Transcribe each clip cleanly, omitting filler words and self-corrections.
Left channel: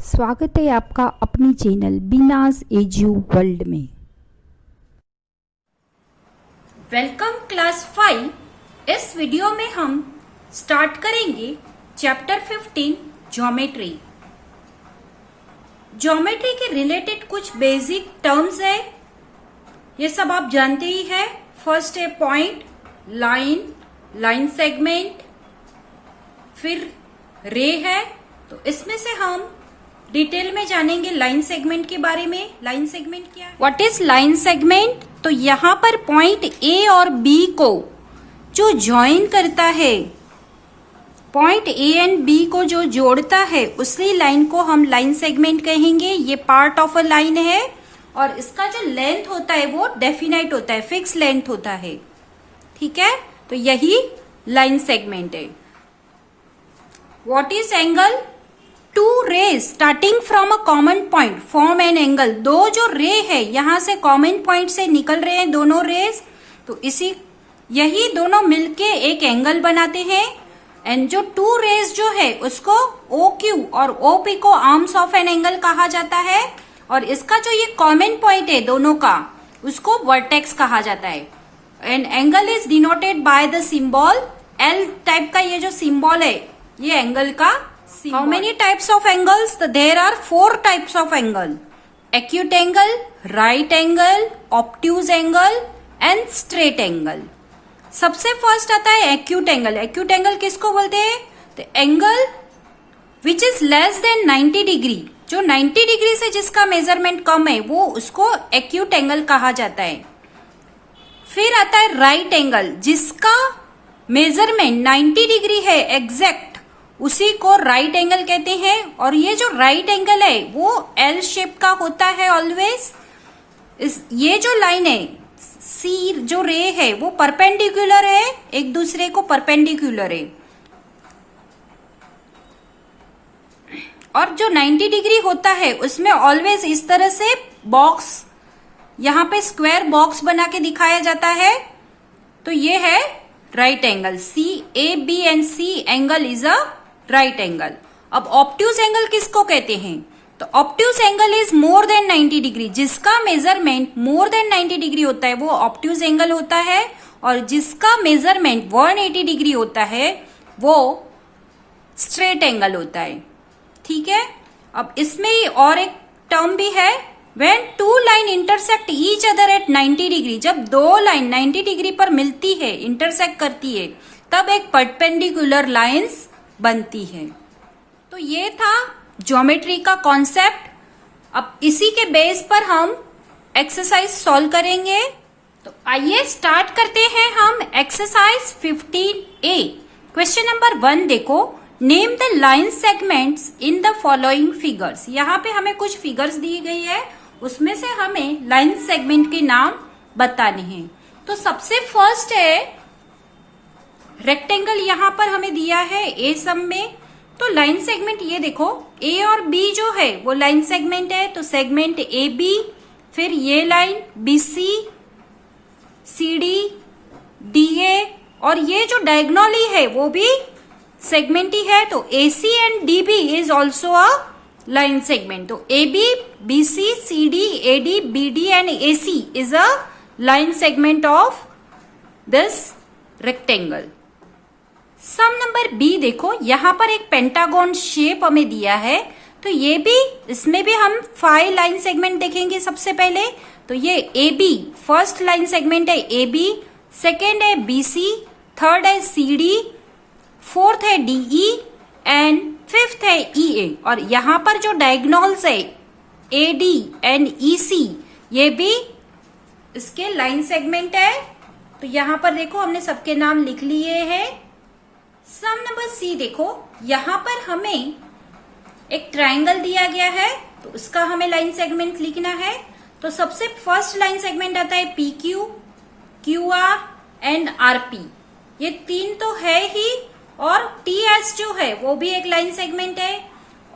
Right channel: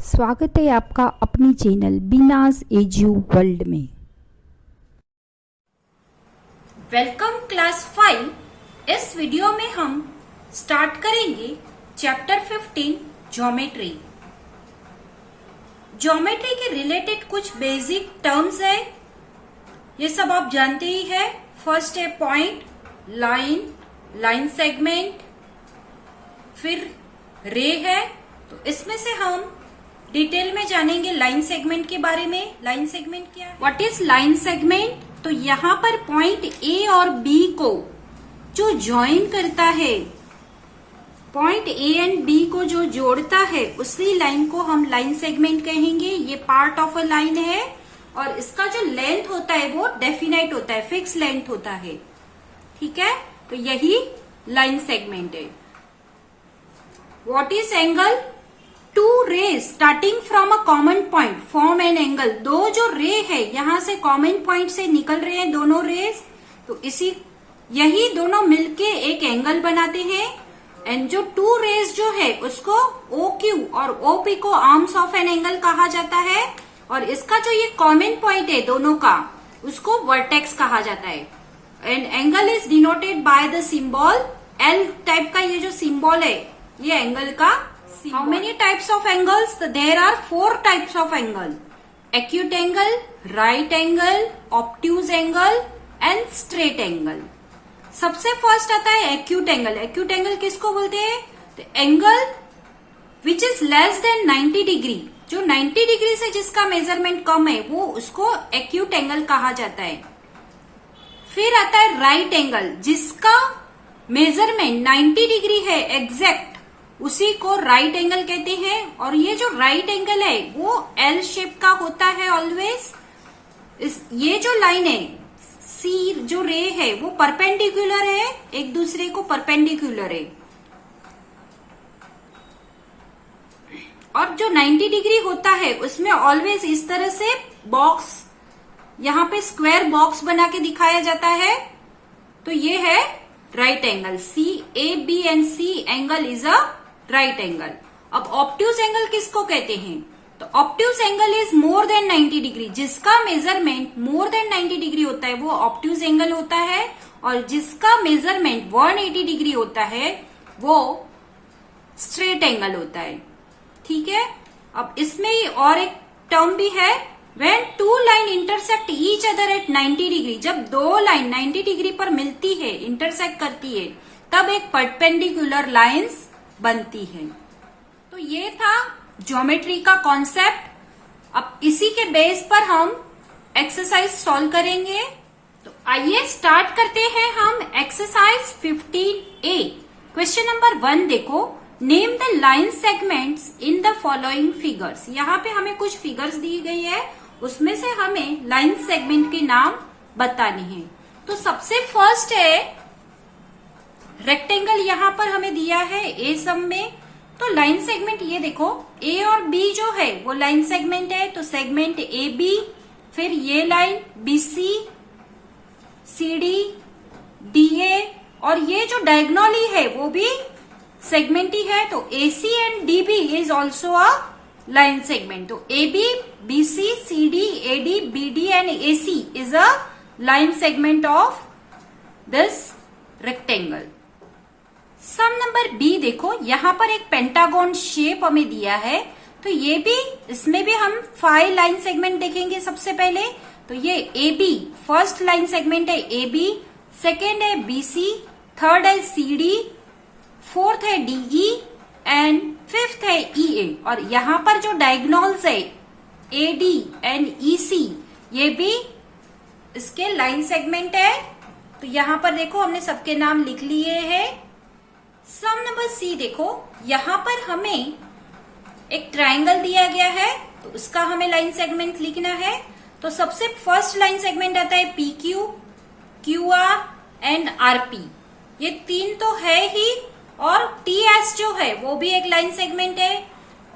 स्वागत है आपका अपनी चैनल बीनाज एजू वर्ल्ड में। Welcome class 5। इस वीडियो में हम स्टार्ट करेंगे चैप्टर 15 ज्योमेट्री। ज्योमेट्री के रिलेटेड कुछ बेसिक टर्म्स है, ये सब आप जानते ही है। फर्स्ट है पॉइंट, लाइन, लाइन सेगमेंट, फिर रे है। तो इसमें से हम डिटेल में जानेंगे लाइन सेगमेंट के बारे में। लाइन सेगमेंट क्या है, व्हाट इज लाइन सेगमेंट। तो यहाँ पर पॉइंट ए और बी को जो ज्वाइन करता है, पॉइंट ए एंड बी को जो जोड़ता है, उसी लाइन को हम लाइन सेगमेंट कहेंगे। ये पार्ट ऑफ अ लाइन है और इसका जो लेंथ होता है वो डेफिनाइट होता है, फिक्स लेंथ होता है। ठीक है, तो यही लाइन सेगमेंट है। What is angle. Two rays starting from a common point form an angle. दो जो रे है यहां से कॉमन पॉइंट से निकल रहे हैं दोनों रेज, तो यही दोनों मिलके एक एंगल बनाते हैं। एंड जो टू रेज जो है उसको ओ क्यू और ओ पी को आर्म्स ऑफ एन एंगल कहा जाता है। और इसका जो ये कॉमन पॉइंट है दोनों का, उसको वर्टेक्स कहा जाता है। And angle is denoted by the symbol L type का। ये जो सिंबल है ये एंगल का। How many types of angles? There are 4 types of angle: acute angle, right angle, obtuse angle and straight angle. सबसे फर्स्ट आता है acute angle. acute angle किसको बोलते हैं? तो angle which is less than 90 degree, जो 90 degree से जिसका मेजरमेंट कम है वो उसको acute angle कहा जाता है। फिर आता है right angle, जिसका मेजरमेंट 90 डिग्री है एग्जैक्ट, उसी को राइट एंगल कहते हैं। और ये जो राइट एंगल है वो एल शेप का होता है ऑलवेज। ये जो लाइन है सी, जो रे है वो परपेंडिकुलर है, एक दूसरे को परपेंडिकुलर है। और जो 90 डिग्री होता है उसमें ऑलवेज इस तरह से बॉक्स, यहां पे स्क्वायर बॉक्स बना के दिखाया जाता है। तो ये है right angle. C A B and C angle is a right angle. अब ऑब्ट्यूज एंगल किसको कहते हैं? तो obtuse angle is more than 90 degree, जिसका मेजरमेंट मोर देन 90 डिग्री होता है वो ऑब्ट्यूज एंगल होता है। और जिसका मेजरमेंट 180 डिग्री होता है वो स्ट्रेट एंगल होता है। ठीक है, अब इसमें और एक टर्म भी है, when two line intersect each other at 90 degree. जब दो लाइन 90 डिग्री पर मिलती है, इंटरसेक्ट करती है, तब एक परपेंडिकुलर लाइंस बनती है। तो ये था ज्योमेट्री का कॉन्सेप्ट। अब इसी के बेस पर हम एक्सरसाइज सॉल्व करेंगे। तो आइए स्टार्ट करते हैं हम एक्सरसाइज 15A। क्वेश्चन नंबर 1 देखो, name the line segments in the following figures. यहाँ पे हमें कुछ फिगर्स दी गई है, उसमें से हमें लाइन सेगमेंट के नाम बताने हैं। तो सबसे फर्स्ट है रेक्टेंगल, यहां पर हमें दिया है ए सम में। तो लाइन सेगमेंट ये देखो, ए और बी जो है वो लाइन सेगमेंट है। तो सेगमेंट ए बी, फिर ये line B C, C D, D A, और ये जो डायगोनली है वो भी सेगमेंट ही है। तो A C and D B is also a line segment. तो A B, B C, C D, A D, B D and A C is a line segment of this rectangle. सम number बी देखो, यहां पर एक pentagon shape हमें दिया है। तो ये भी, इसमें भी हम 5 लाइन सेगमेंट देखेंगे सबसे पहले। तो ये A B first line segment है, ए बी, सेकेंड है बी सी, थर्ड है सी डी, फोर्थ है डी ई एंड फिफ्थ है ई ए। और यहां पर जो डायगोनल्स है ए डी एंड ई सी, ये भी इसके लाइन सेगमेंट है। तो यहां पर देखो हमने सबके नाम लिख लिए हैं। सम नंबर सी देखो, यहां पर हमें एक ट्रायंगल दिया गया है, तो उसका हमें लाइन सेगमेंट लिखना है। तो सबसे फर्स्ट लाइन सेगमेंट आता है P Q, Q R and R P. ये तीन तो है ही, और टी एस जो है वो भी एक लाइन सेगमेंट है।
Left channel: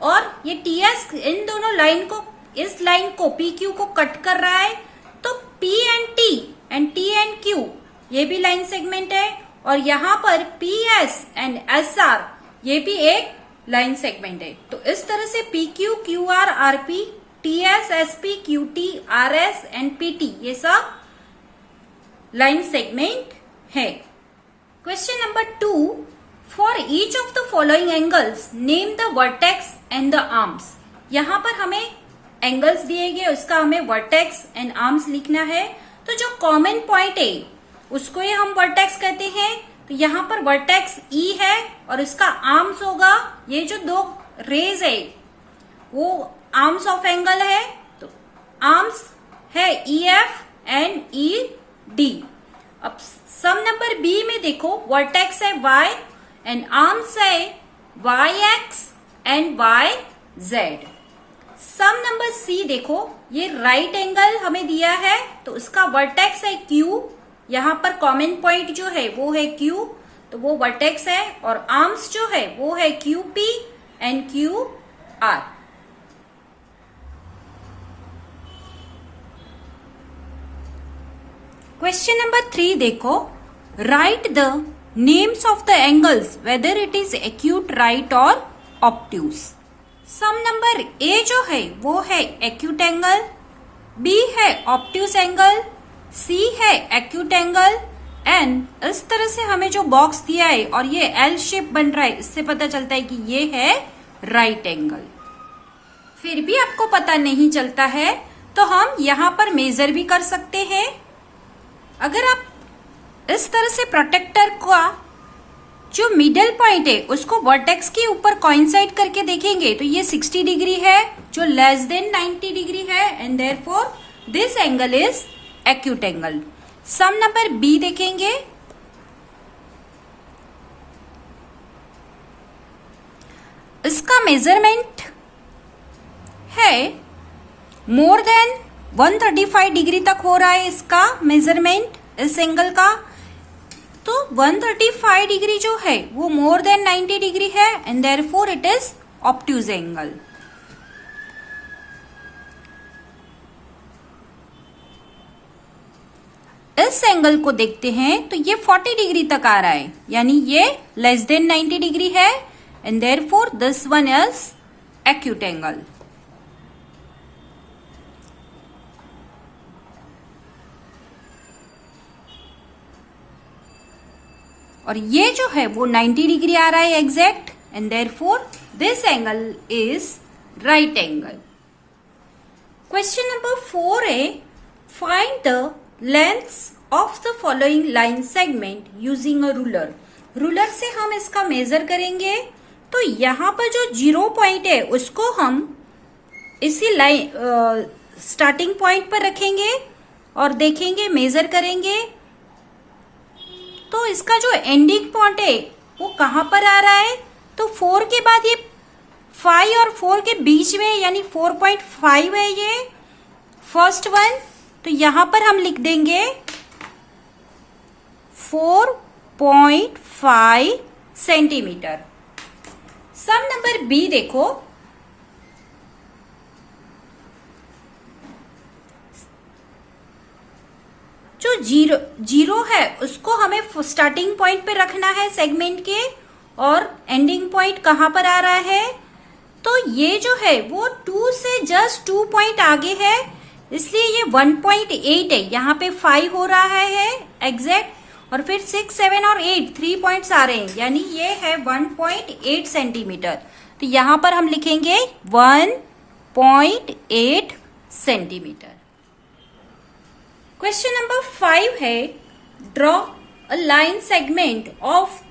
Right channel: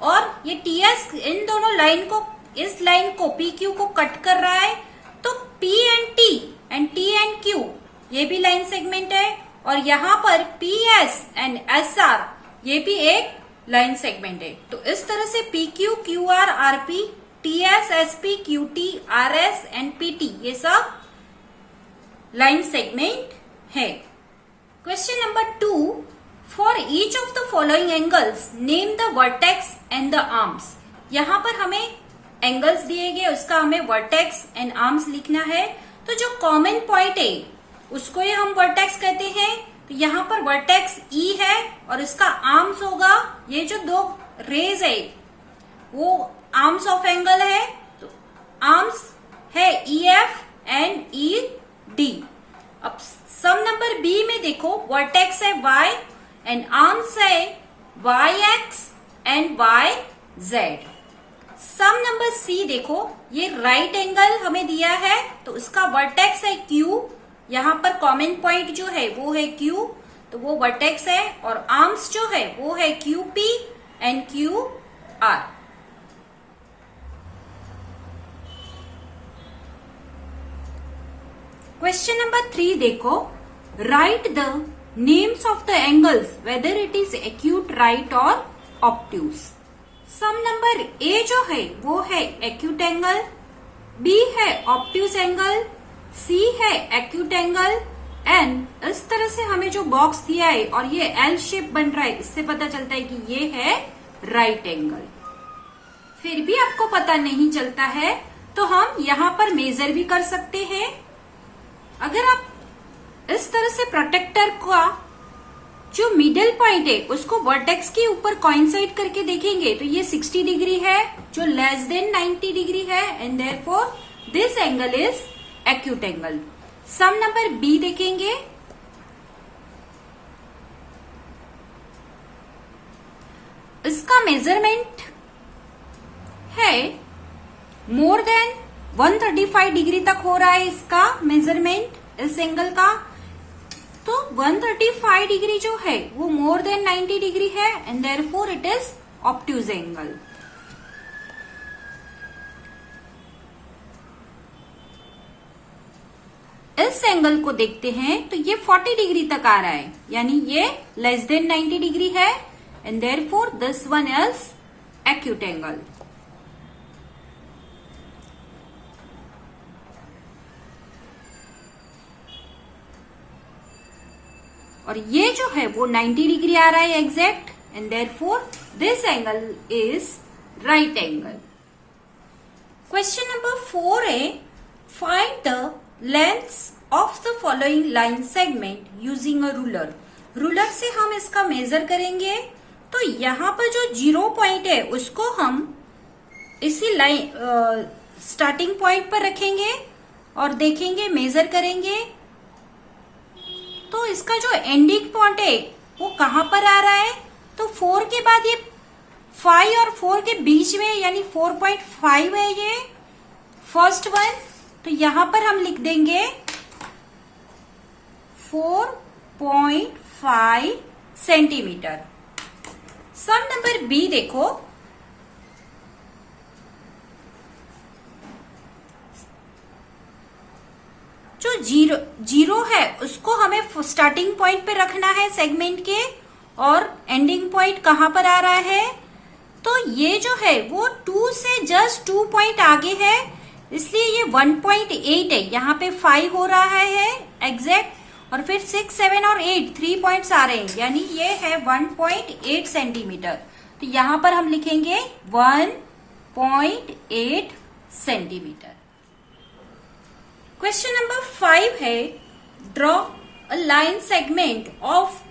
और ये टी एस इन दोनों लाइन को, इस लाइन को पी क्यू को कट कर रहा है। तो P and T and Q ये भी लाइन सेगमेंट है। और यहां पर P S and S R ये भी एक लाइन सेगमेंट है। तो इस तरह से P Q, Q R, R P, T S, S P, Q T, R S and P T, ये सब लाइन सेगमेंट है। Question number 2, for each of the following angles name the vertex and the arms. यहां पर हमें angles दिए गए, उसका हमें वर्टेक्स एंड आर्म्स लिखना है। तो जो कॉमन पॉइंट है उसको ही हम वर्टेक्स कहते हैं। तो यहाँ पर वर्टेक्स ई है और इसका आर्म्स होगा, ये जो दो रेज है वो आर्म्स ऑफ एंगल है। तो आर्म्स है E F and E D. अब सम नंबर बी में देखो, वर्टेक्स है वाई एंड आर्म्स है Y X and Y Z. Sum number C देखो, ये राइट एंगल हमें दिया है तो उसका वर्टेक्स है क्यू, यहां पर कॉमन पॉइंट जो है वो है क्यू, तो वो वर्टेक्स है। और आर्म्स जो है वो है Q P and Q R. Question number 3 देखो, right the names of the angles whether it is acute right और ऑब्ट्यूज। सम नंबर ए जो है वो है एक्यूट एंगल, बी है ऑब्ट्यूज एंगल, सी है एक्यूट एंगल एंड इस तरह से हमें जो बॉक्स दिया है और ये एल शेप बन रहा है, इससे पता चलता है कि ये है राइट एंगल। फिर भी आपको पता नहीं चलता है तो हम यहां पर मेजर भी कर सकते हैं। अगर आप इस तरह से प्रोटेक्टर का जो मिडल पॉइंट है उसको वर्टेक्स के ऊपर कोइंसाइड करके देखेंगे तो ये 60 डिग्री है, जो लेस देन 90 डिग्री है and therefore this angle is acute angle. Sum number B देखेंगे, इसका मेजरमेंट है मोर देन 135 डिग्री तक हो रहा है इसका मेजरमेंट इस एंगल का। तो 135 डिग्री जो है वो मोर देन 90 डिग्री है and therefore it is obtuse angle. इस एंगल को देखते हैं तो ये 40 डिग्री तक आ रहा है, यानी ये लेस देन 90 डिग्री है and therefore this one is acute angle. और ये जो है वो 90 डिग्री आ रहा है exact and therefore this angle is right angle. Question number 4 है, find the lengths of the following line segment using a ruler. Ruler से हम इसका मेजर करेंगे। तो यहाँ पर जो 0 पॉइंट है उसको हम इसी लाइन स्टार्टिंग पॉइंट पर रखेंगे और देखेंगे, मेजर करेंगे। तो इसका जो एंडिंग पॉइंट है वो कहां पर आ रहा है, तो 4 के बाद ये 5 और 4 के बीच में यानी 4.5 है ये फर्स्ट वन। तो यहां पर हम लिख देंगे 4.5 सेंटीमीटर। सम नंबर बी देखो, जो जीरो है उसको हमें स्टार्टिंग पॉइंट पे रखना है सेगमेंट के और एंडिंग पॉइंट कहां पर आ रहा है, तो ये जो है वो 2 से जस्ट 2 पॉइंट आगे है, इसलिए ये 1.8 है। यहाँ पे 5 हो रहा है एग्जैक्ट और फिर 6, 7 और 8 3 पॉइंट्स आ रहे हैं, यानी ये है 1.8 सेंटीमीटर। तो यहाँ पर हम लिखेंगे 1.8 सेंटीमीटर। क्वेश्चन नंबर 5 है, draw a line segment of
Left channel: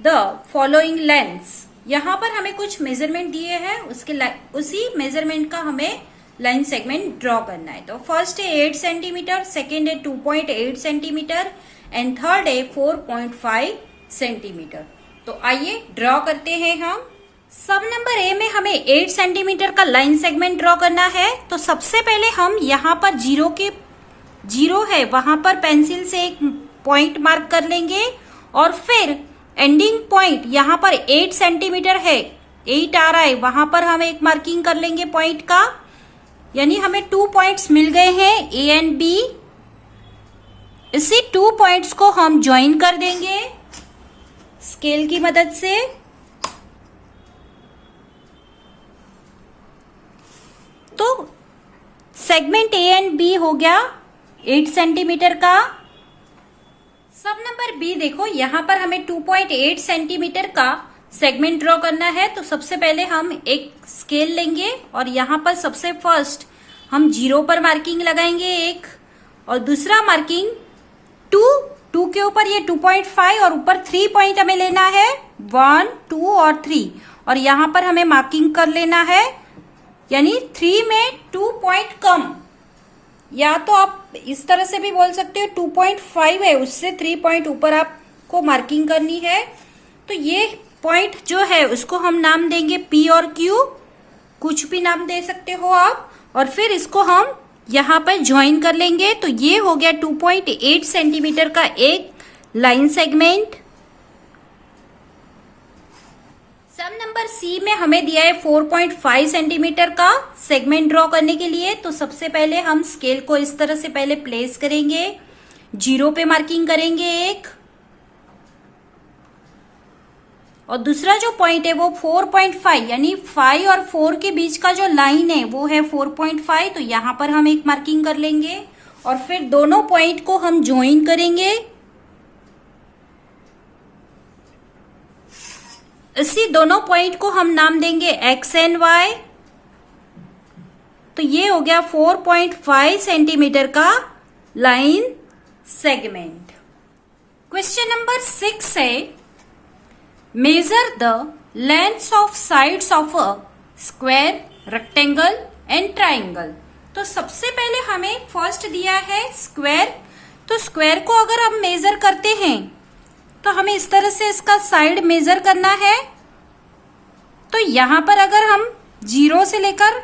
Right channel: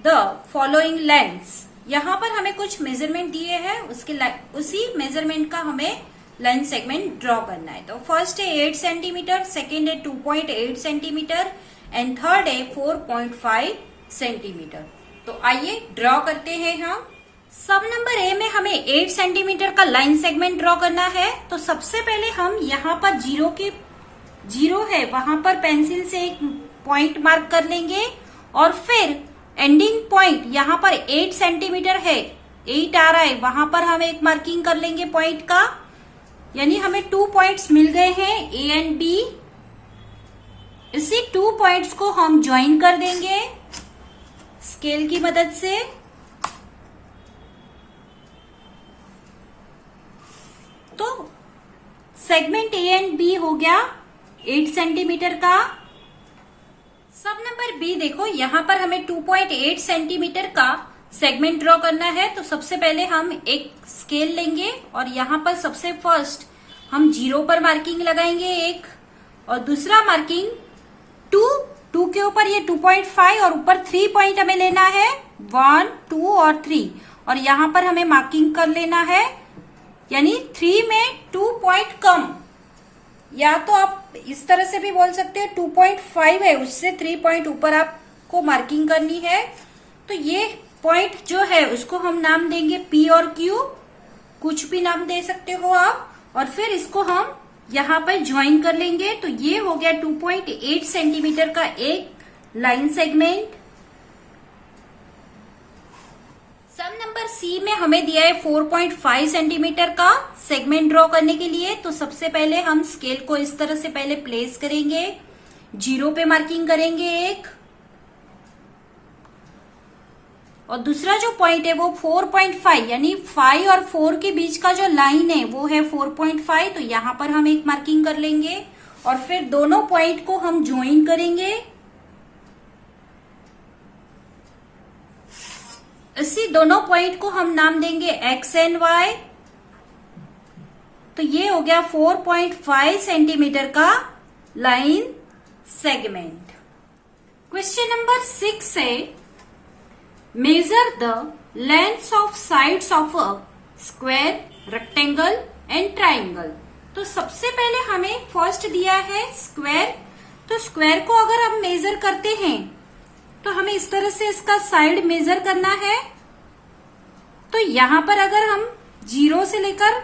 the following lengths. यहाँ पर हमें कुछ मेजरमेंट दिए हैं, उसी मेजरमेंट का हमें लाइन सेगमेंट ड्रॉ करना है। तो फर्स्ट है 8 सेंटीमीटर, सेकेंड है 2.8 सेंटीमीटर एंड थर्ड है 4.5 सेंटीमीटर। तो आइए ड्रॉ करते हैं हम। सब नंबर ए में हमें 8 सेंटीमीटर का लाइन सेगमेंट ड्रॉ करना है। तो सबसे पहले हम यहाँ पर जीरो है वहां पर पेंसिल से एक पॉइंट मार्क कर लेंगे और फिर एंडिंग पॉइंट यहाँ पर 8 सेंटीमीटर है, 8 आ रहा है, वहां पर हम एक मार्किंग कर लेंगे पॉइंट का, यानी हमें 2 पॉइंट्स मिल गए हैं ए एंड बी। इसी 2 पॉइंट्स को हम ज्वाइन कर देंगे स्केल की मदद से। तो सेगमेंट ए एंड बी हो गया 8 सेंटीमीटर का। सब नंबर बी देखो, यहां पर हमें 2.8 सेंटीमीटर का सेगमेंट ड्रॉ करना है। तो सबसे पहले हम एक स्केल लेंगे और यहां पर सबसे फर्स्ट हम 0 पर मार्किंग लगाएंगे एक, और दूसरा मार्किंग 2 के ऊपर ये 2.5 और ऊपर 3 पॉइंट हमें लेना है, 1, 2 और 3, और यहां पर हमें मार्किंग कर लेना है, यानी 3 में 2 पॉइंट कम, या तो आप इस तरह से भी बोल सकते हो 2.5 है, उससे 3 पॉइंट ऊपर आपको मार्किंग करनी है। तो ये पॉइंट जो है उसको हम नाम देंगे P और Q, कुछ भी नाम दे सकते हो आप, और फिर इसको हम यहां पर ज्वाइन कर लेंगे। तो ये हो गया 2.8 सेंटीमीटर का एक लाइन सेगमेंट। सम नंबर सी में हमें दिया है 4.5 सेंटीमीटर का सेगमेंट ड्रॉ करने के लिए। तो सबसे पहले हम स्केल को इस तरह से पहले प्लेस करेंगे, 0 पे मार्किंग करेंगे एक, और दूसरा जो पॉइंट है वो 4.5, यानी 5 और 4 के बीच का जो लाइन है वो है 4.5। तो यहां पर हम एक मार्किंग कर लेंगे और फिर दोनों पॉइंट को हम ज्वाइन करेंगे। इसी दोनों पॉइंट को हम नाम देंगे एक्स एंड वाई। तो ये हो गया 4.5 सेंटीमीटर का लाइन सेगमेंट। क्वेश्चन नंबर 6 है, measure the lengths of sides of a square, rectangle and triangle. तो सबसे पहले हमें फर्स्ट दिया है स्क्वायर। तो स्क्वायर को अगर हम मेजर करते हैं तो हमें इस तरह से इसका साइड मेजर करना है। तो यहां पर अगर हम 0 से लेकर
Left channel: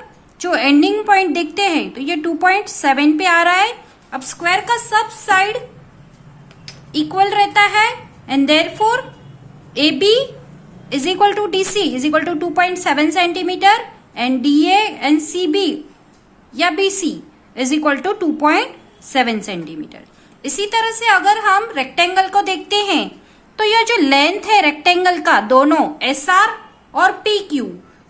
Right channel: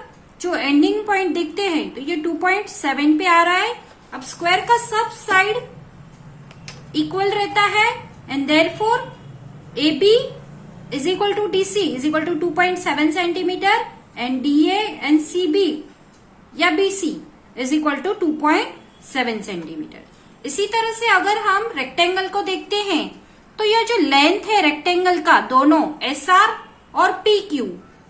जो एंडिंग पॉइंट देखते हैं तो ये 2.7 पे आ रहा है। अब स्क्वायर का सब साइड इक्वल रहता है and therefore AB is equal to DC is equal to 2.7 centimetre and DA and CB या BC is equal to 2.7 centimetre. इसी तरह से अगर हम रेक्टेंगल को देखते हैं तो यह जो लेंथ है रेक्टेंगल का, दोनों SR और PQ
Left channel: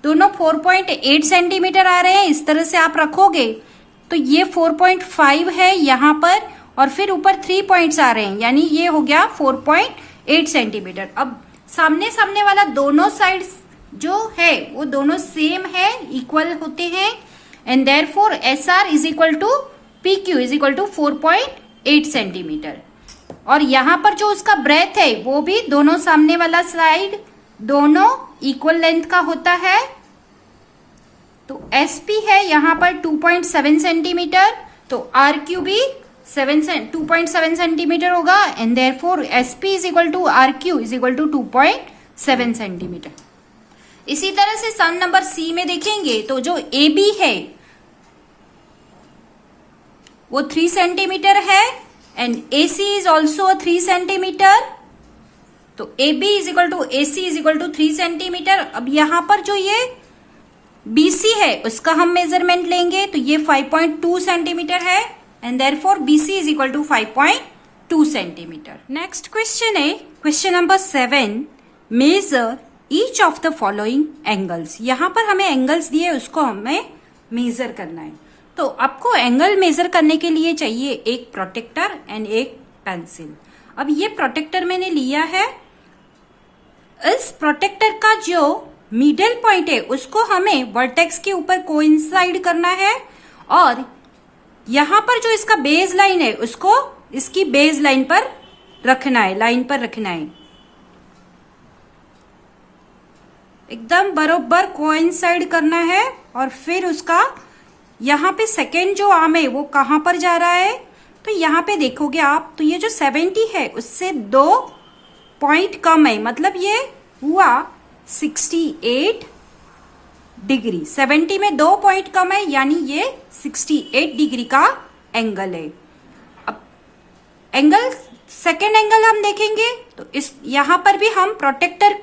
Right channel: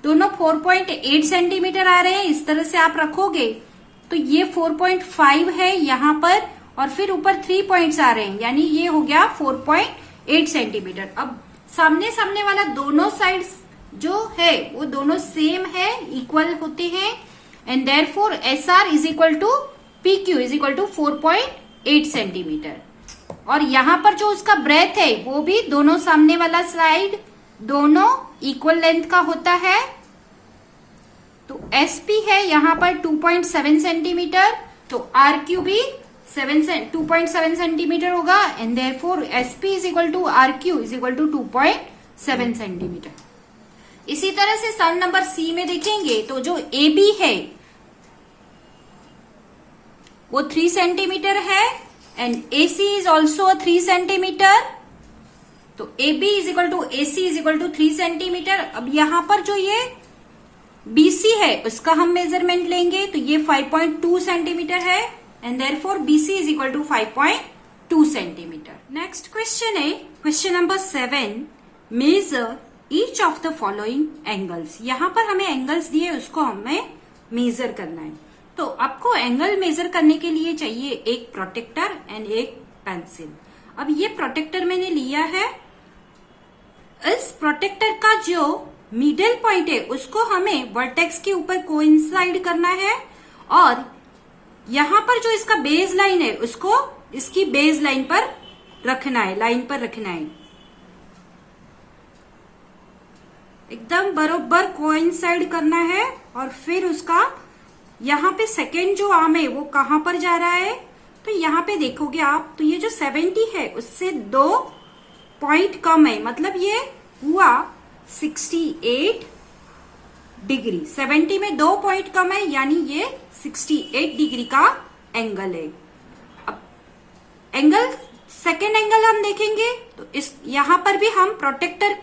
दोनों 4.8 सेंटीमीटर आ रहे हैं। इस तरह से आप रखोगे तो ये 4.5 है यहां पर, और फिर ऊपर 3 पॉइंट्स आ रहे हैं, यानी ये हो गया 4.8 सेंटीमीटर। अब सामने सामने वाला दोनों साइड्स जो है वो दोनों सेम है, इक्वल होते हैं, and therefore SR is equal to PQ is equal to 4.8 centimetre. और यहां पर जो उसका ब्रेथ है वो भी दोनों सामने वाला साइड दोनों इक्वल लेंथ का होता है। तो SP है यहां पर 2.7 सेंटीमीटर, तो RQ भी 2.7 सेंटीमीटर होगा, and therefore SP is equal to RQ is equal to 2.7 centimetre. इसी तरह से सम नंबर C में देखेंगे तो जो AB है वो 3 सेंटीमीटर है and AC is also 3 centimetre. तो AB is equal to AC is equal to 3 centimetre. अब यहां पर जो ये BC है उसका हम मेजरमेंट लेंगे तो ये 5.2 सेंटीमीटर है and therefore BC is equal to 5.2 centimetre. Next question है question number 7, measure each of the following angles. यहां पर हमें एंगल्स दिए उसको हमें मेजर करना है। तो आपको एंगल मेजर करने के लिए चाहिए एक प्रोटेक्टर एंड एक पेंसिल। अब ये प्रोटेक्टर मैंने लिया है। इस प्रोटेक्टर का जो मिडल पॉइंट है उसको हमें वर्टेक्स के ऊपर कोइंसाइड करना है, और यहां पर जो इसका बेस लाइन है उसको इसकी बेस लाइन पर रखना है, लाइन पर रखना है, एकदम बरोबर कोइंसाइड करना है। और फिर उसका यहां पे सेकेंड जो आर्म है वो कहां पर जा रहा है, तो यहां पे देखोगे आप तो ये जो 70 है उससे 2 पॉइंट कम है, मतलब ये हुआ 68 डिग्री। 70 में 2 पॉइंट कम है यानी ये 68 डिग्री का एंगल है। अब एंगल सेकेंड एंगल हम देखेंगे तो इस यहां पर भी हम प्रोटेक्टर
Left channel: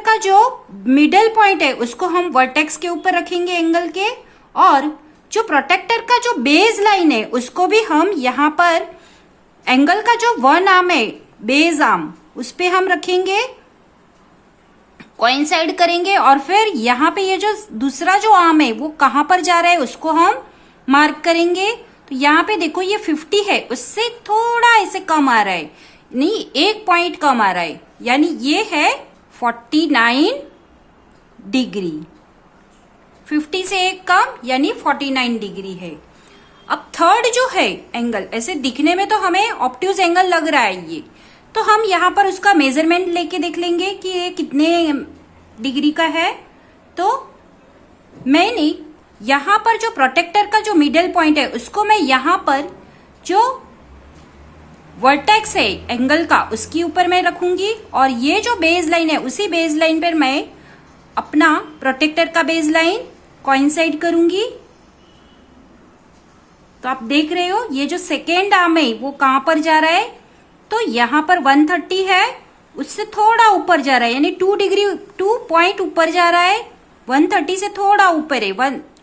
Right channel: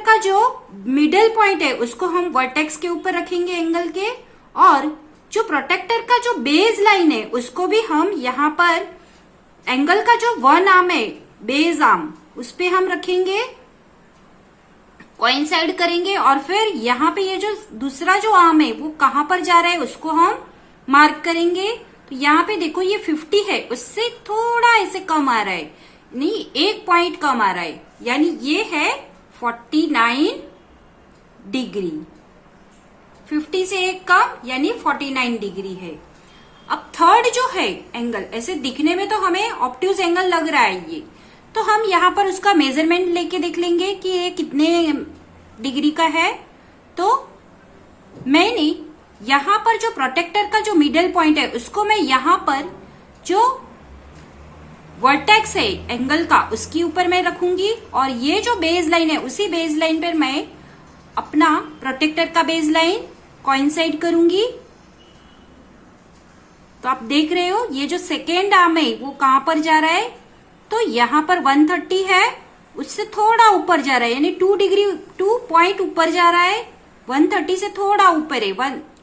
का जो मिडल पॉइंट है उसको हम वर्टेक्स के ऊपर रखेंगे एंगल के, और जो प्रोटेक्टर का जो बेस लाइन है उसको भी हम यहां पर एंगल का जो 1 आर्म है बेस आर्म उस पे हम रखेंगे। कोइंसाइड करेंगे और फिर यहाँ पे ये जो दूसरा जो आर्म है वो कहाँ पर जा रहा है उसको हम मार्क करेंगे। तो यहाँ पे देखो ये 50 है, उससे थोड़ा ऐसे कम आ रहा है, नहीं 1 पॉइंट कम आ रहा है, यानी ये है 49 डिग्री। 50 से एक कम यानी 49 डिग्री है। अब थर्ड जो है एंगल, ऐसे दिखने में तो हमें ऑब्ट्यूज एंगल लग रहा है ये, तो हम यहाँ पर उसका मेजरमेंट लेके देख लेंगे कि ये कितने डिग्री का है। तो मैंने यहाँ पर जो प्रोटेक्टर का जो मिडल पॉइंट है उसको मैं यहाँ पर जो वर्टेक्स है एंगल का उसके ऊपर मैं रखूंगी, और ये जो बेस लाइन है उसी बेस लाइन पर मैं अपना प्रोटेक्टर का बेस लाइन कोइंसाइड करूंगी। तो आप देख रहे हो ये जो सेकेंड आर्म है वो कहां पर जा रहा है, तो यहां पर 130 है, उससे थोड़ा ऊपर जा रहा है, यानी 2 पॉइंट ऊपर जा रहा है। 130 से थोड़ा ऊपर है,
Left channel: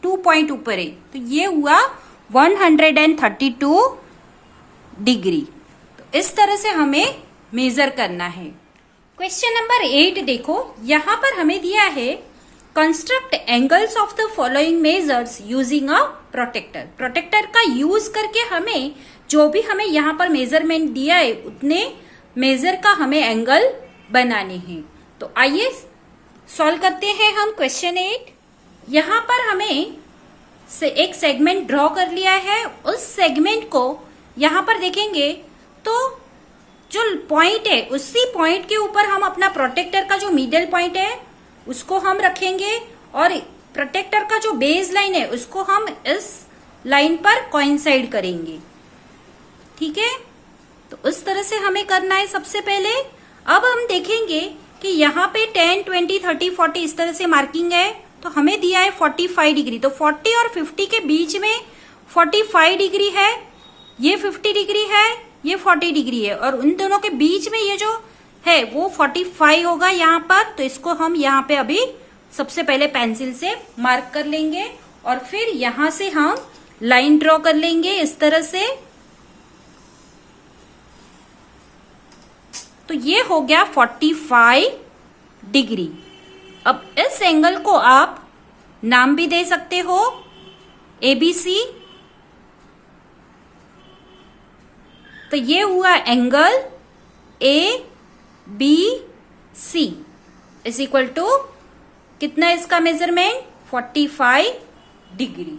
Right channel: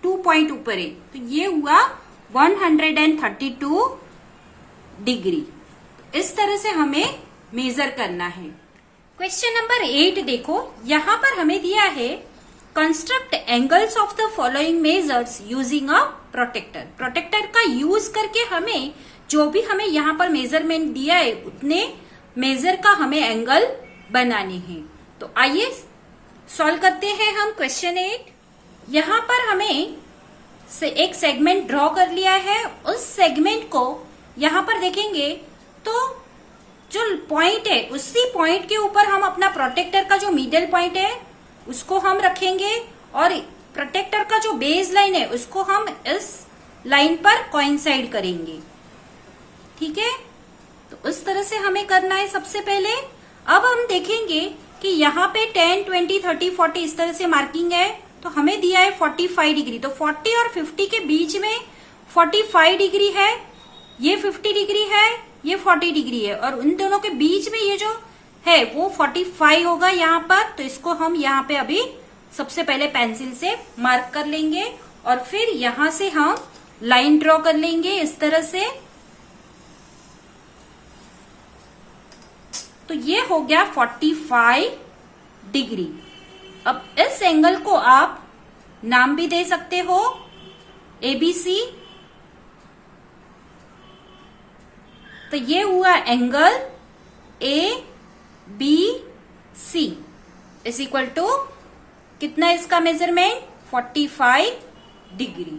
2 पॉइंट ऊपर है, तो ये हुआ 132 डिग्री। तो इस तरह से हमें मेजर करना है। क्वेश्चन नंबर 8 देखो, यहां पर हमें दिया है construct angles of the following measures using a protractor. Protractor का यूज करके हमें जो भी हमें यहाँ पर मेजरमेंट दिया है उतने मेजर का हमें एंगल बनाने हैं। तो आइए सॉल्व करते हैं हम क्वेश्चन 8। यहाँ पर हमें एक सेगमेंट ड्रॉ कर लिया है, उस सेगमेंट को यहाँ पर देखेंगे तो जो पॉइंट है उसी पॉइंट के ऊपर हम अपना प्रोटेक्टर का जो मिडल पॉइंट है उसको हम रखेंगे, और प्रोटेक्टर का जो बेस लाइन है उसको हम इस लाइन पर कोइंसाइड करेंगे। ठीक है, तो उस तरह से हमें करना है सबसे पहले। अब हम देखेंगे कि यहाँ पे 10, 20, 30, 40 इस तरह से मार्किंग है, तो हमें दिया है 45 डिग्री, तो 40 और 50 के बीच में 45 डिग्री है, ये 50 डिग्री है, ये 40 डिग्री है, और उन दोनों के बीच में ये जो है वो 45 होगा यहाँ पर। तो इसको हम यहाँ पे अभी सबसे पहले पेंसिल से मार्क कर लेंगे, और फिर यहां से हम लाइन ड्रॉ कर लेंगे इस तरह से। तो ये हो गया 45 डिग्री। अब इस एंगल को आप नाम भी दे सकते हो ABC। तो ये हुआ angle ABC is equal to कितना इसका measurement 45 degree.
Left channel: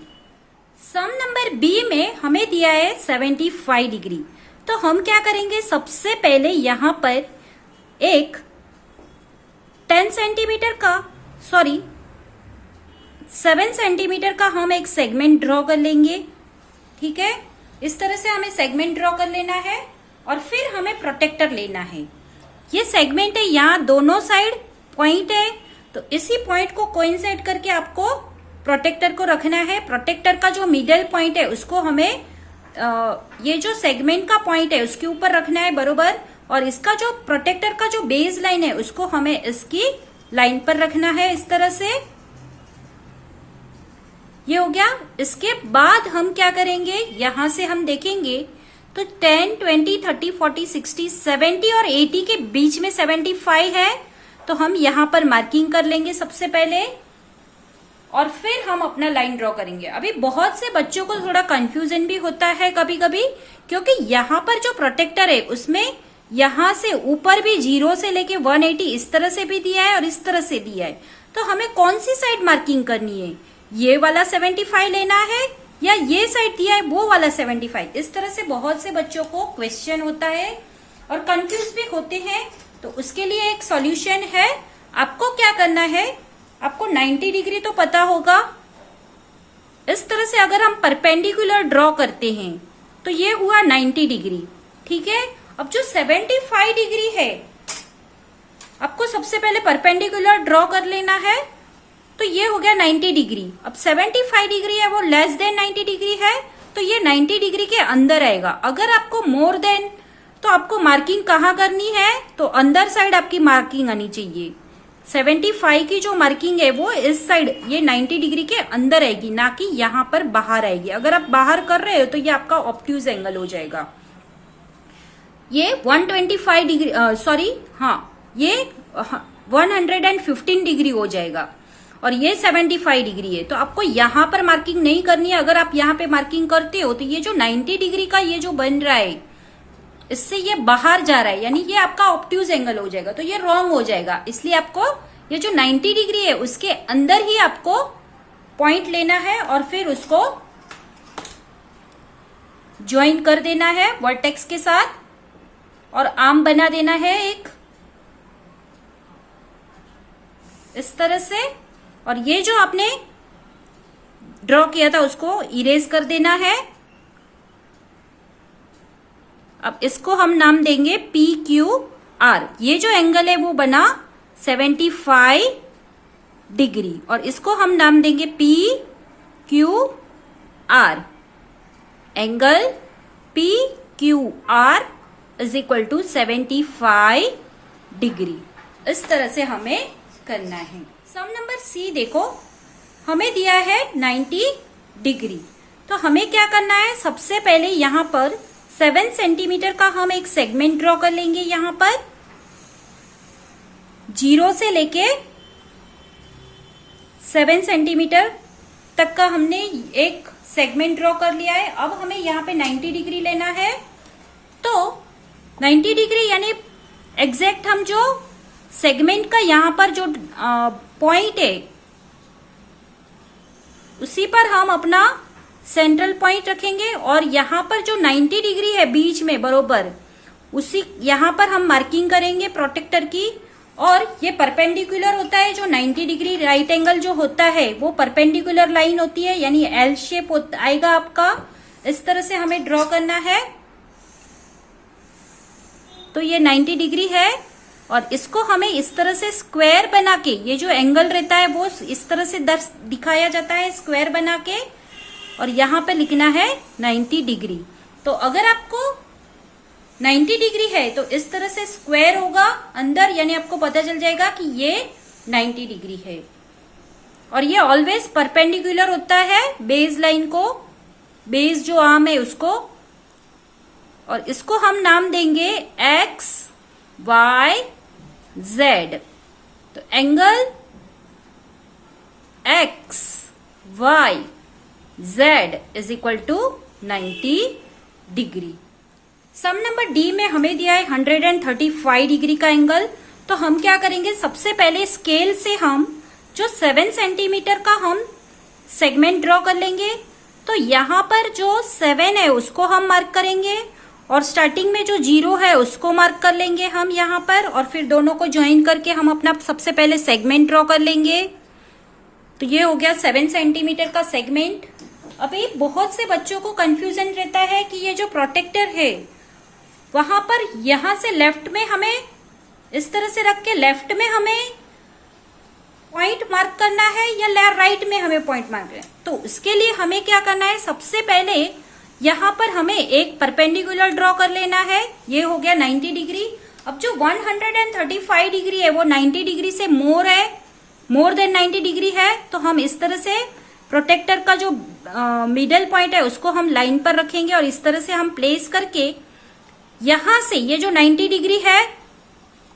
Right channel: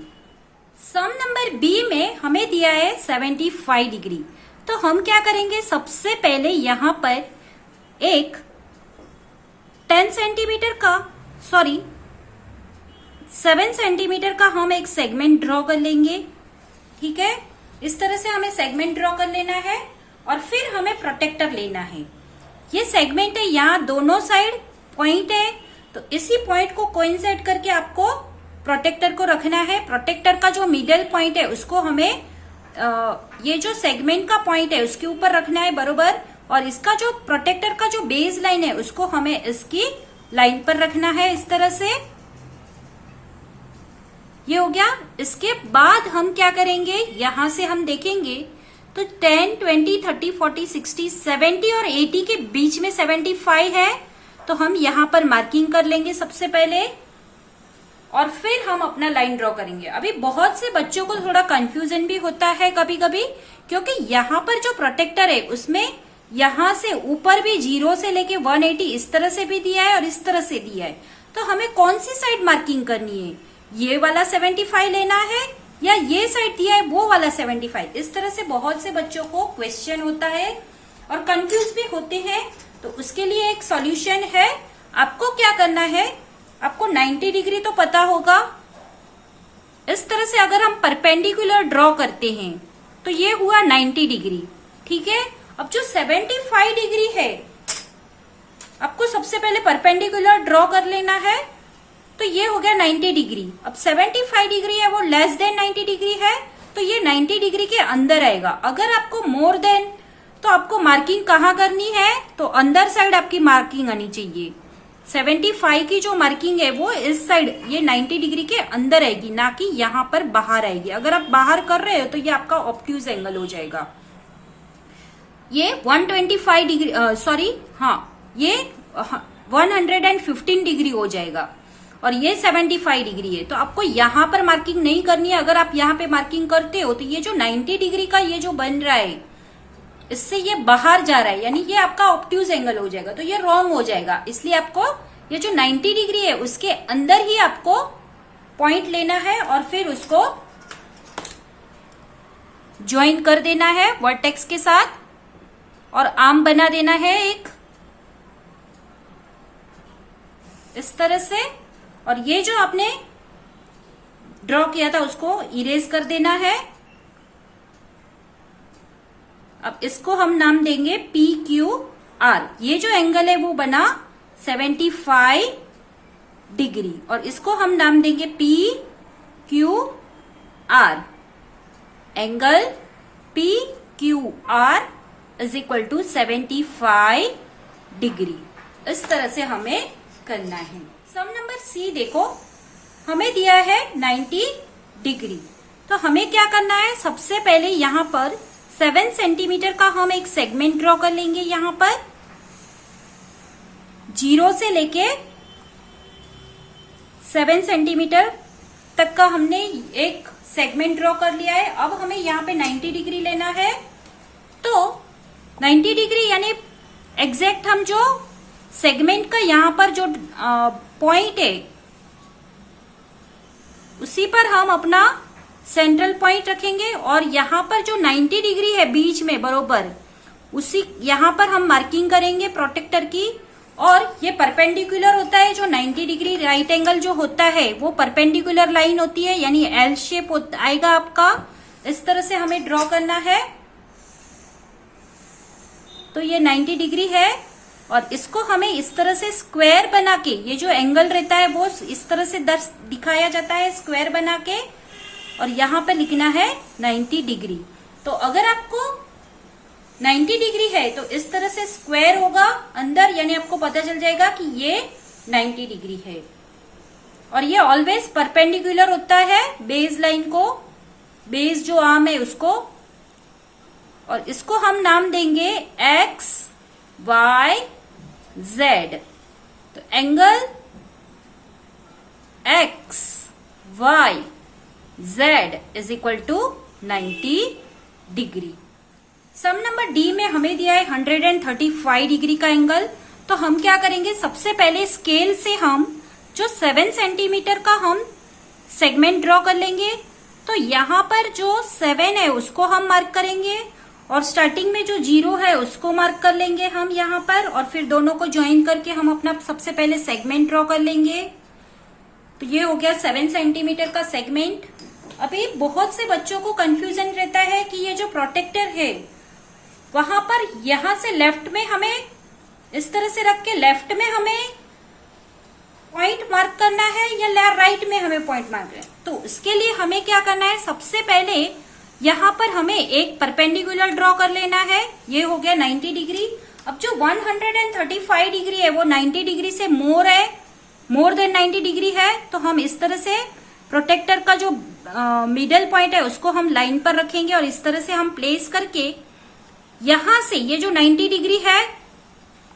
Sum number B में हमें दिया है 75 डिग्री। तो हम क्या करेंगे, सबसे पहले यहां पर एक 7 सेंटीमीटर का हम एक सेगमेंट ड्रॉ कर लेंगे। ठीक है, इस तरह से हमें सेगमेंट ड्रॉ कर लेना है, और फिर हमें प्रोटेक्टर लेना है। ये सेगमेंट है, यहाँ दोनों साइड पॉइंट है, तो इसी पॉइंट को कोइंसाइड करके आपको प्रोटेक्टर को रखना है। प्रोटेक्टर का जो मिडल पॉइंट है उसको हमें ये जो सेगमेंट का पॉइंट है उसके ऊपर रखना है बरोबर, और इसका जो प्रोटेक्टर का जो बेस लाइन है उसको हमें इसकी लाइन पर रखना है इस तरह से। ये हो गया। इसके बाद हम क्या करेंगे, यहां से हम देखेंगे तो 10, 20, 30, 40, 60, 70 और 80 के बीच में 75 है, तो हम यहां पर मार्किंग कर लेंगे सबसे पहले, और फिर हम अपना लाइन ड्रॉ करेंगे। अभी बहुत से बच्चों को थोड़ा कंफ्यूजन भी होता है कभी कभी, क्योंकि यहाँ पर जो प्रोटेक्टर है उसमें यहां से ऊपर भी 0 से लेके 180 इस तरह से भी दिया है और इस तरह से दिया है, तो हमें कौन सी साइड मार्किंग करनी है, ये वाला 75 लेना है या ये साइड दिया है वो वाला 75। इस तरह से बहुत से बच्चों को क्वेश्चन होता है और कंफ्यूज भी होते हैं। तो उसके लिए एक सॉल्यूशन है। आपको क्या करना है, आपको 90 डिग्री तो पता होगा। इस तरह से अगर हम परपेंडिकुलर ड्रॉ करते हैं तो ये हुआ 90 डिग्री। ठीक है, अब जो 75 डिग्री है आपको सबसे पहले परपेंडिकुलर ड्रॉ कर लेना है, तो ये हो गया 90 डिग्री। अब 75 डिग्री है वो लेस देन 90 डिग्री है, तो ये 90 डिग्री के अंदर आएगा। अगर आपको मोर देन, तो आपको मार्किंग कहाँ करनी है, तो अंदर साइड आपकी मार्किंग आनी चाहिए। 75 की जो मार्किंग है वो इस साइड, ये 90 डिग्री के अंदर आएगी, ना कि यहाँ पर बाहर आएगी। अगर आप बाहर कर रहे हो तो ये आपका ऑब्ट्यूज एंगल हो जाएगा। ये 125 डिग्री, सॉरी हाँ, ये 115 डिग्री हो जाएगा और ये 75 डिग्री है। तो आपको यहाँ पर मार्किंग नहीं करनी है। अगर आप यहाँ पे मार्किंग करते हो तो ये जो 90 डिग्री का ये जो बन रहा है इससे ये बाहर जा रहा है, यानी ये आपका ऑब्ट्यूज एंगल हो जाएगा, तो ये रॉन्ग हो जाएगा। इसलिए आपको ये जो 90 डिग्री है उसके अंदर ही आपको पॉइंट लेना है और फिर उसको ज्वाइन कर देना है वर्टेक्स के साथ और आर्म बना देना है एक इस तरह से। और ये जो आपने ड्रॉ किया था उसको इरेज कर देना है। अब इसको हम नाम देंगे PQR। ये जो एंगल है वो बना 75 डिग्री और इसको हम नाम देंगे PQR। Angle PQR is equal to 75 degree. इस तरह से हमें करना है। सम नंबर सी देखो, हमें दिया है 90 डिग्री। तो हमें क्या करना है, सबसे पहले यहां पर 7 सेंटीमीटर का हम एक सेगमेंट ड्रॉ कर लेंगे। यहां पर 0 से लेके 7 सेंटीमीटर तक का हमने एक सेगमेंट ड्रॉ कर लिया है। अब हमें यहाँ पे 90 डिग्री लेना है। तो 90 डिग्री यानी एग्जैक्ट हम जो सेगमेंट का यहाँ पर जो पॉइंट है उसी पर हम अपना सेंट्रल पॉइंट रखेंगे और यहाँ पर जो 90 डिग्री है बीच में बरोबर उसी यहाँ पर हम मार्किंग करेंगे प्रोटेक्टर की। और ये परपेंडिकुलर होता है, जो 90 डिग्री राइट एंगल जो होता है वो परपेंडिकुलर लाइन होती है, यानी एल शेप आएगा आपका। इस तरह से हमें ड्रॉ करना है। तो ये 90 डिग्री है और इसको हमें इस तरह से स्क्वायर बना के, ये जो एंगल रहता है वो इस तरह से दिखाया जाता है स्क्वायर बना के, और यहाँ पे लिखना है 90 डिग्री। तो अगर आपको 90 डिग्री है तो इस तरह से स्क्वायर होगा अंदर, यानी आपको पता चल जाएगा कि ये 90 डिग्री है। और ये ऑलवेज परपेंडिकुलर होता है बेस लाइन को, बेस जो आर्म है उसको। और इसको हम नाम देंगे एक्स वाई जेड। तो angle X Y Z is equal to 90 degree. Sum number D में हमें दिया है 135 डिग्री का एंगल। तो हम क्या करेंगे, सबसे पहले स्केल से हम जो 7 सेंटीमीटर का हम सेगमेंट ड्रॉ कर लेंगे। तो यहाँ पर जो 7 है उसको हम मार्क करेंगे और स्टार्टिंग में जो 0 है उसको मार्क कर लेंगे हम यहाँ पर, और फिर दोनों को ज्वाइन करके हम अपना सबसे पहले सेगमेंट ड्रॉ कर लेंगे। तो ये हो गया 7 सेंटीमीटर का सेगमेंट। अभी बहुत से बच्चों को कंफ्यूजन रहता है कि ये जो प्रोटेक्टर है वहां पर यहां से लेफ्ट में हमें इस तरह से रख के लेफ्ट में हमें पॉइंट मार्क करना है या राइट में हमें पॉइंट मार्क है। तो इसके लिए हमें क्या करना है, सबसे पहले यहां पर हमें एक परपेंडिकुलर ड्रॉ कर लेना है। ये हो गया 90 डिग्री। अब जो 135 डिग्री है वो 90 डिग्री से मोर है, मोर देन 90 डिग्री है। तो हम इस तरह से प्रोटेक्टर का जो मिडल पॉइंट है उसको हम लाइन पर रखेंगे और इस तरह से हम प्लेस करके यहां से ये जो 90 डिग्री है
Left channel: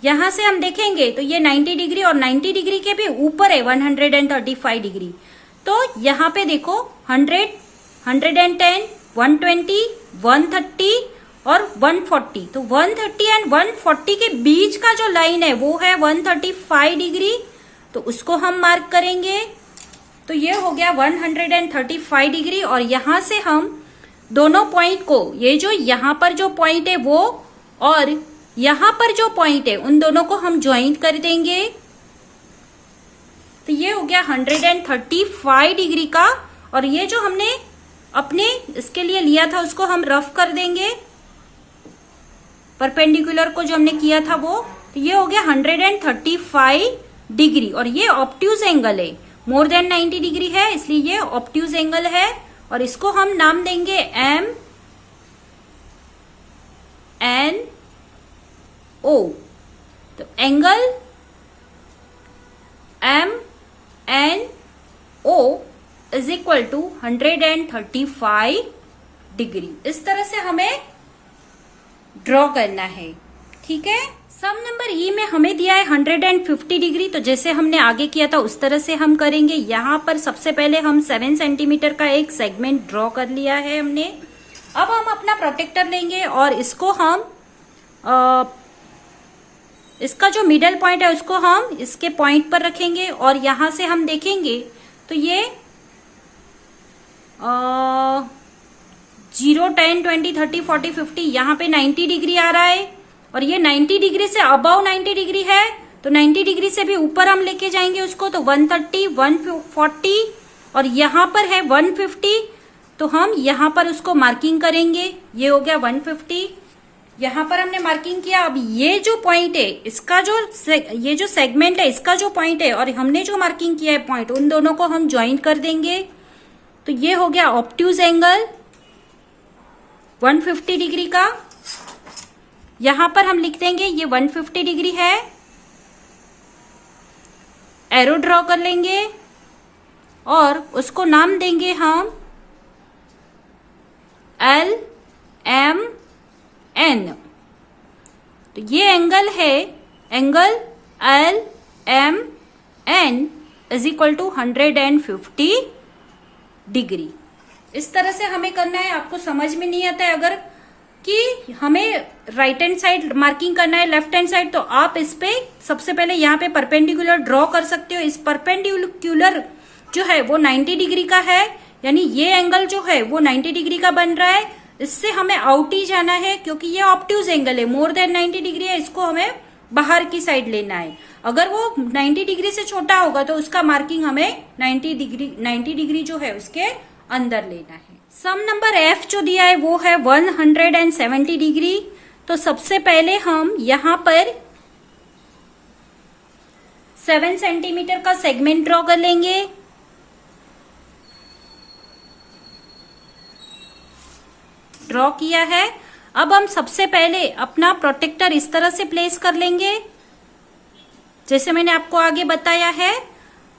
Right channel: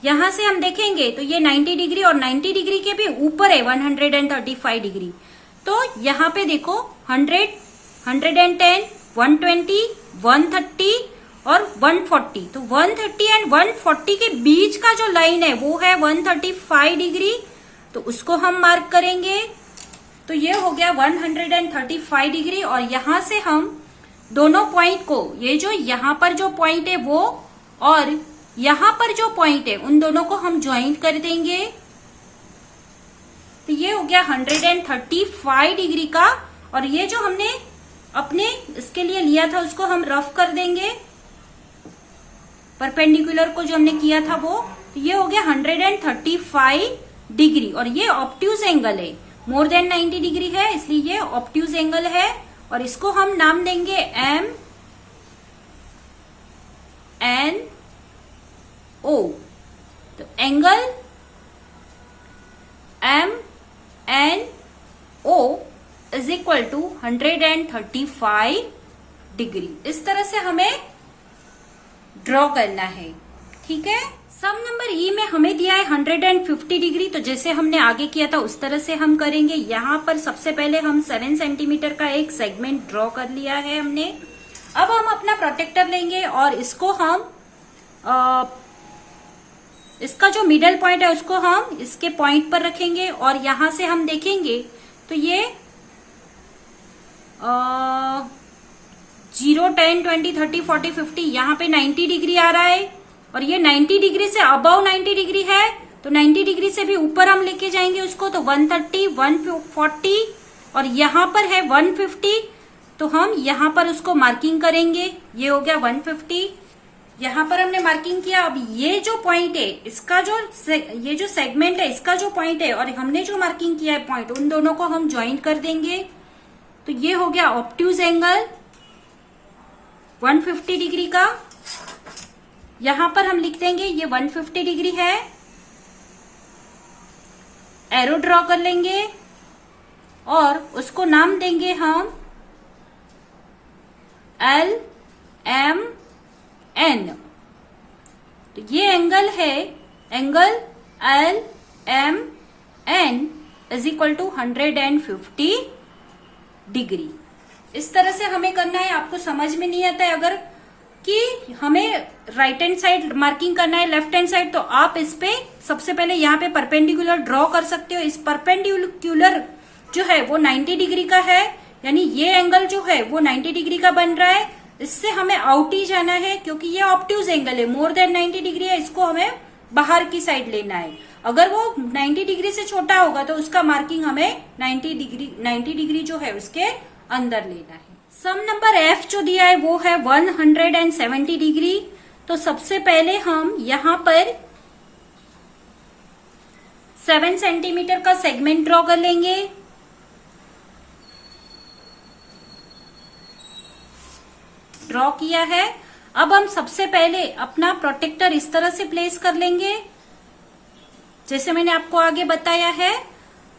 यहां से हम देखेंगे तो ये 90 डिग्री और 90 डिग्री के भी ऊपर है 135 डिग्री। तो यहां पे देखो 100, 110, 120, 130 और 140। तो 130 एंड 140 के बीच का जो लाइन है वो है 135 डिग्री। तो उसको हम मार्क करेंगे। तो ये हो गया 135 डिग्री। और यहां से हम दोनों पॉइंट को, ये जो यहां पर जो पॉइंट है वो और यहां पर जो पॉइंट है उन दोनों को हम ज्वाइन कर देंगे। तो ये हो गया 135 डिग्री का। और ये जो हमने अपने इसके लिए लिया था उसको हम रफ कर देंगे, परपेंडिकुलर को जो हमने किया था वो। तो ये हो गया 135 डिग्री और ये ऑब्ट्यूज एंगल है, मोर देन 90 डिग्री है इसलिए ये ऑब्ट्यूज एंगल है। और इसको हम नाम देंगे एम एन ओ। तो angle M N O is equal to 135 degree. इस तरह से हमें ड्रॉ करना है। ठीक है। सम नंबर ई में हमें दिया है 150 डिग्री, तो जैसे हमने आगे किया था उस तरह से हम करेंगे। यहाँ पर सबसे पहले हम 7 सेंटीमीटर का एक सेगमेंट ड्रॉ कर लिया है हमने। अब हम अपना प्रोटेक्टर लेंगे और इसको हम इसका जो मिडल पॉइंट है उसको हम इसके पॉइंट पर रखेंगे और यहां से हम देखेंगे तो ये 0, 10, 20, 30, 40, 50 यहाँ पे 90 डिग्री आ रहा है और ये 90 डिग्री से अबव 90 डिग्री है, तो 90 डिग्री से भी ऊपर हम लेके जाएंगे उसको, तो 130, 140 और यहाँ पर है 150, तो हम यहाँ पर उसको मार्किंग करेंगे। ये हो गया 150, यहाँ पर हमने मार्किंग किया। अब ये जो पॉइंट है इसका ये जो सेगमेंट है इसका जो पॉइंट है और हमने जो मार्किंग किया है पॉइंट, उन दोनों को हम ज्वाइन कर देंगे। तो ये हो गया ऑब्ट्यूज एंगल 150 डिग्री का। यहां पर हम लिख देंगे ये 150 डिग्री है, एरो ड्रॉ कर लेंगे और उसको नाम देंगे हम LMN। तो ये एंगल है angle LMN is equal to 150 degree. इस तरह से हमें करना है। आपको समझ में नहीं आता है अगर कि हमें राइट हैंड साइड मार्किंग करना है लेफ्ट हैंड साइड, तो आप इस पे सबसे पहले यहाँ पे परपेंडिकुलर ड्रॉ कर सकते हो। इस परपेंडिकुलर जो है वो 90 डिग्री का है, यानी ये एंगल जो है वो 90 डिग्री का बन रहा है। इससे हमें आउट ही जाना है क्योंकि ये ऑब्ट्यूज एंगल है, मोर देन 90 डिग्री है, इसको हमें बाहर की साइड लेना है। अगर वो 90 डिग्री से छोटा होगा तो उसका मार्किंग हमें 90 डिग्री जो है उसके अंदर लेना है। सम नंबर एफ जो दिया है वो है 170 डिग्री। तो सबसे पहले हम यहां पर 7 सेंटीमीटर का सेगमेंट ड्रॉ कर लेंगे। ड्रॉ किया है। अब हम सबसे पहले अपना प्रोटेक्टर इस तरह से प्लेस कर लेंगे जैसे मैंने आपको आगे बताया है।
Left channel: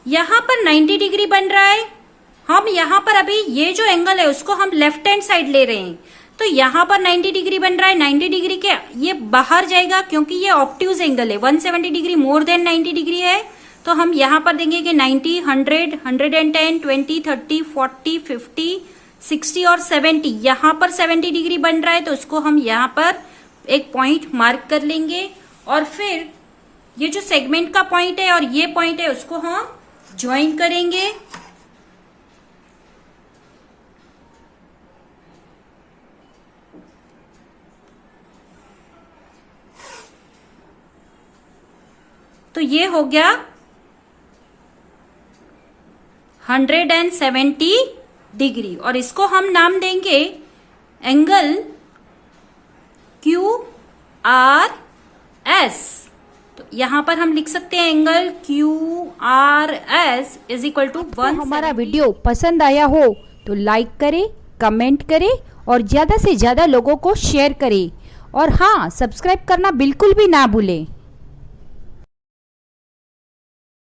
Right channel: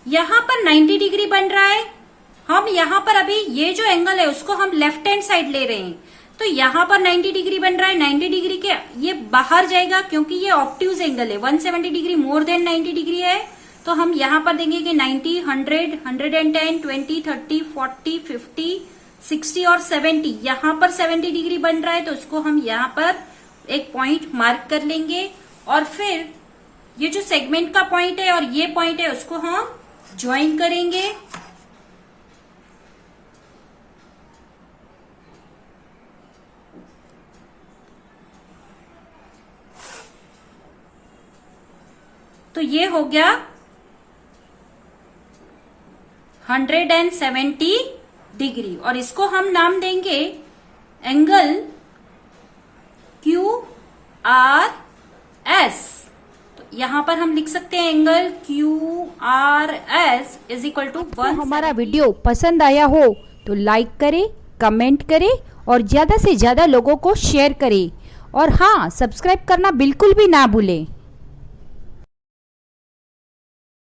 यहां पर 90 डिग्री बन रहा है, हम यहां पर अभी ये जो एंगल है उसको हम लेफ्ट हैंड साइड ले रहे हैं, तो यहां पर 90 डिग्री बन रहा है। 90 डिग्री के ये बाहर जाएगा क्योंकि ये ऑब्ट्यूज एंगल है, 170 डिग्री मोर देन 90 डिग्री है, तो हम यहां पर देंगे कि 90, 100, 110, 20, 30, 40, 50, 60 और 70। यहां पर 70 डिग्री बन रहा है तो उसको हम यहां पर एक पॉइंट मार्क कर लेंगे और फिर ये जो सेगमेंट का पॉइंट है और ये पॉइंट है उसको हम ज्वाइन करेंगे। तो ये हो गया 170 डिग्री और इसको हम नाम देंगे एंगल QRS। तो यहां पर हम लिख सकते हैं angle QRS is equal to 1। हमारा वीडियो पसंद आया हो तो लाइक करें, कमेंट करें और ज़्यादा से ज़्यादा लोगों को शेयर करें और हाँ, सब्सक्राइब करना बिल्कुल भी ना भूलें।